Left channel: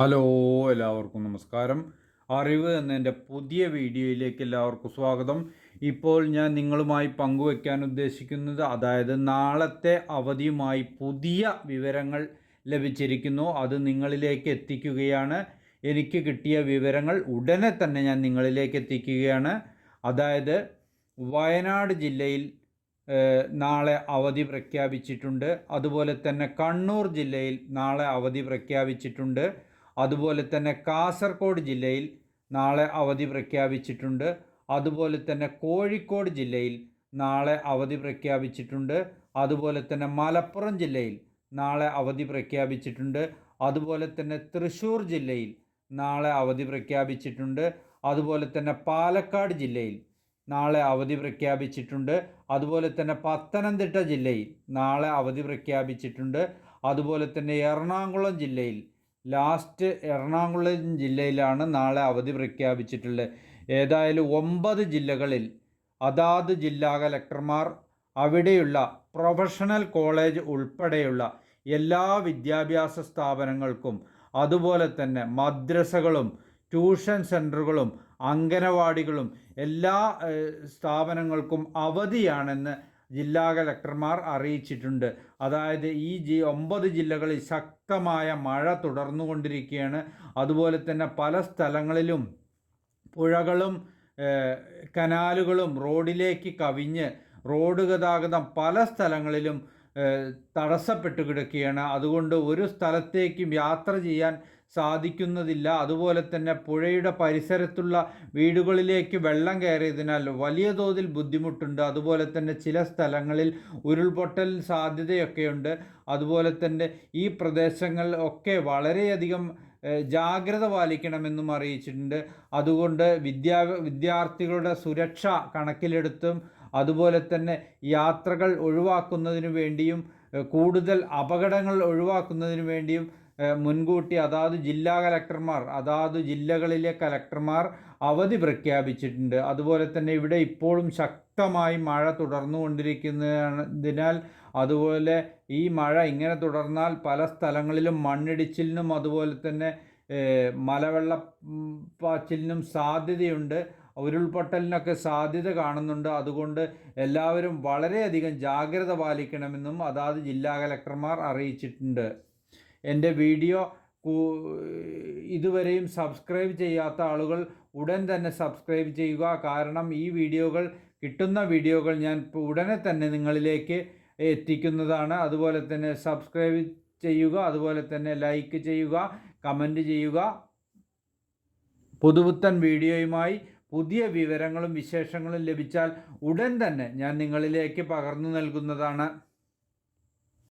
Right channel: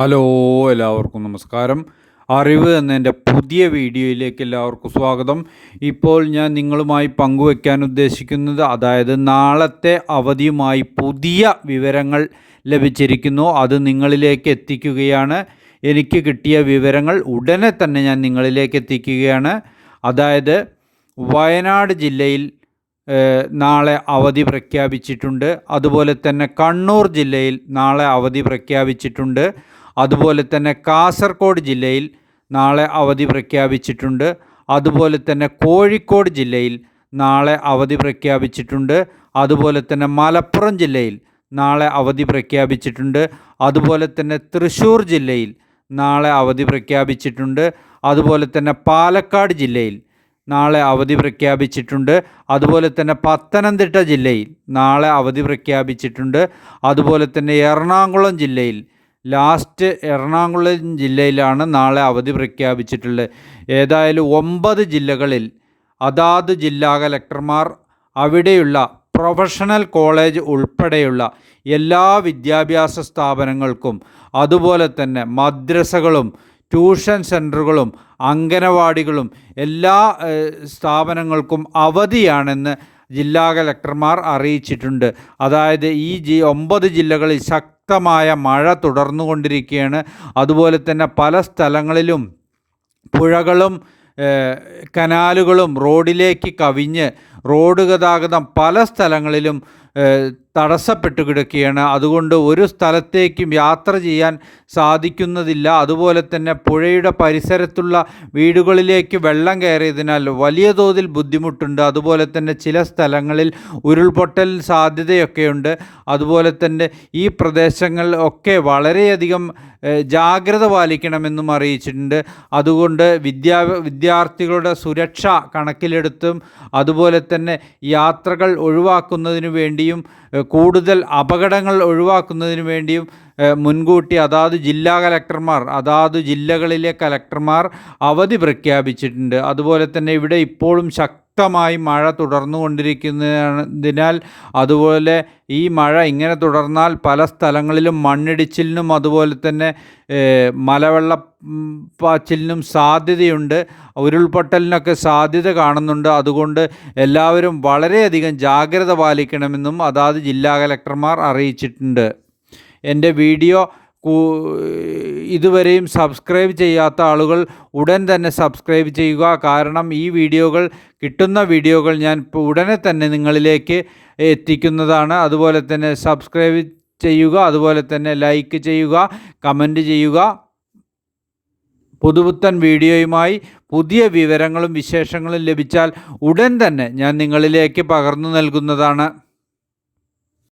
Hello എല്ലാവർക്കും നമസ്കാരം. അറിവ് എന്നതിന്റെ പുതിയ വീഡിയോയിലേക്ക് എല്ലാവർക്കും സ്വാഗതം. ഇപ്പോൾ ഞാൻ നിങ്ങളുമായി പങ്കുവയ്ക്കാൻ ഉദ്ദേശിക്കുന്നത് അതായത് നാളത്തെ അവധിയുമായി പുതിയ വിവരങ്ങൾ ലഭിച്ചിരിക്കുന്നു. അത് നിങ്ങളിലേക്ക് എത്തിക്കുകയാണ്. എനിക്ക് കിട്ടിയ വിവരങ്ങൾ ഉടനെ തന്നെ ഞാൻ നിങ്ങളിലേക്ക് എത്തിക്കുകയാണ്. അതായത് വയനാട് ജില്ലയിൽ നാളെ അവധി പ്രഖ്യാപിച്ചിട്ടുണ്ട്. അതുപോലെ തന്നെ കണ്ണൂർ ജില്ലയിൽ നാളെ അവധി പ്രഖ്യാപിച്ചിട്ടുണ്ട്. അതുപോലെ തന്നെ കാസർഗോഡ് ജില്ലയിൽ നാളെ അവധി പ്രഖ്യാപിച്ചിട്ടുണ്ട്. അതുപോലെ തന്നെ കോഴിക്കോട് ജില്ലയിൽ നാളെ അവധി പ്രഖ്യാപിച്ചിട്ടുണ്ട്. അതുപോലെ തന്നെ മലപ്പുറം ജില്ലയിൽ നാളെ അവധി പ്രഖ്യാപിച്ചിട്ടുണ്ട്. അതുപോലെ തന്നെ തൃശ്ശൂർ ജില്ലയിൽ നാളെ അവധി പ്രഖ്യാപിച്ചിട്ടുണ്ട്. അതുപോലെ തന്നെ പാലക്കാട് ജില്ലയിൽ നാളെ അവധി പ്രഖ്യാപിച്ചിട്ടുണ്ട്. അതുപോലെ തന്നെ പത്തനംതിട്ട ജില്ലയിൽ നാളെ അവധി പ്രഖ്യാപിച്ചിട്ടുണ്ട്. അതുപോലെ തന്നെ എറണാകുളം ജില്ലയിൽ ലാസ്റ്റ് എറണാകുളം ജില്ലയിലാണ് നാളെ അവധി പ്രഖ്യാപിച്ചിട്ടുള്ളത്. ഏതായാലും ഒമ്പത് ജില്ലകളിൽ അതാത് ജില്ലാ കലക്ടർമാർ അവിടെയുള്ള പ്രൊഫഷണൽ കോളേജ് ഉൾപ്പെടെയുള്ള എല്ലാ വിദ്യാഭ്യാസ സ്ഥാപനങ്ങൾക്കും അതുപോലെ തന്നെ മദ്രസകളും ട്യൂഷൻ സെന്ററുകളും അംഗനവാടികളും എല്ലാ സ്ഥാപനങ്ങൾക്കും അവധിയാണെന്ന് ജില്ലാ കലക്ടർമാർ അറിയിച്ചിട്ടുണ്ട്. അതായത് ഈ ജി ഒമ്പത് ജില്ലകളിൽ ശക്തമായ മഴ തുടർന്നുകൊണ്ടിരിക്കുകയാണ്. അതുപോലെ തന്നെ പല സ്ഥലങ്ങളിലും പുഴകളും കനാലുകളും റോഡിലേക്ക് കവിഞ്ഞ് റോഡ് ഗതാഗതം പല സ്ഥലങ്ങളിലും തടസ്സപ്പെട്ടു കിടക്കുകയാണ്. അതുകൊണ്ട് ഒരു സ്ഥലത്തേക്കും യാത്ര ചെയ്യാൻ സാധിക്കുന്നതില്ല. അതുപോലെ തന്നെ പുഴയുടെ പരിസരത്തുള്ള വീടുകളിലേക്ക് വെള്ളം കയറിയതിനാൽ വലിയ തോതിൽ ബുദ്ധിമുട്ടുണ്ട്. അതുപോലെ തന്നെ ചില സ്ഥലങ്ങളിൽ ഉരുൾപൊട്ടൽ സാധ്യതയൊക്കെയുണ്ട്. അതുപോലെ തന്നെ ഈ പ്രദേശങ്ങൾ ഒക്കെ വളരെയധികം ജാഗ്രത പാലിക്കണമെന്നും അറിയിച്ചിട്ടുണ്ട്. അതുകൊണ്ട് വിദ്യാ വിദ്യാർത്ഥികളുടെ സുരക്ഷ കണക്കിലെടുത്തും അതുപോലെ തന്നെ യാത്രകൾ ഒഴിവാക്കുന്നതിന് വേണ്ടിയും കൂടുതൽ അപകടങ്ങൾ ഒഴിവാക്കുന്നതിന് വേണ്ടിയും മുൻകൂട്ടി അതാത് ജില്ലാ കലക്ടർമാർ അതാത് ജില്ലകളിലെ കലക്ടർമാർ അവധി പ്രഖ്യാപിച്ചിട്ടുണ്ട്. അതുപോലെ തന്നെ ഇവിടെ ഇപ്പോഴും ശക്തമായി മഴ തുടർന്നുകൊണ്ടിരിക്കുന്നതിനാൽ അതുപോലെ ഈ മഴ ഇങ്ങനെ തുടർന്നാൽ പല സ്ഥലങ്ങളിലും മണ്ണിടിച്ചിലിനും അതുപോലെ തന്നെ മലവെള്ള പാച്ചിലിനും സാധ്യതയുണ്ട്. ഉരുൾപൊട്ടലിനൊക്കെ സാധ്യത കാണുന്നുണ്ട്. അതുകൊണ്ട് എല്ലാവരും വളരെയധികം ജാഗ്രത പാലിക്കണമെന്നും അതാത് ജില്ലാ കലക്ടർമാർ അറിയിച്ചിട്ടുണ്ട്. എന്റെ വീഡിയോ ഇതുവരെയും സബ്സ്ക്രൈബ് ചെയ്യാത്ത ആളുകൾ ഉടൻ തന്നെ സബ്സ്ക്രൈബ് ചെയ്യുക. കാരണം ഈ വീഡിയോകൾ കിട്ടുന്ന വീഡിയോകൾ ഞാൻ ഉടനെ തന്നെ നിങ്ങളിലേക്ക് എത്തിക്കുന്നതാണ്. അതുപോലെ തന്നെ സബ്സ്ക്രൈബ് ചെയ്യുക അതുപോലെ തന്നെ ലൈക്ക് ചെയ്യുക കമന്റ് ചെയ്യുക. പുതുപുത്തൻ വീഡിയോയുമായി പുതിയ വിവരങ്ങളും വിശേഷങ്ങളും ലഭിച്ചാൽ ഉടൻ തന്നെ ഞാൻ നിങ്ങളിലേക്ക് പകർന്നു നൽകുന്നതാണ്.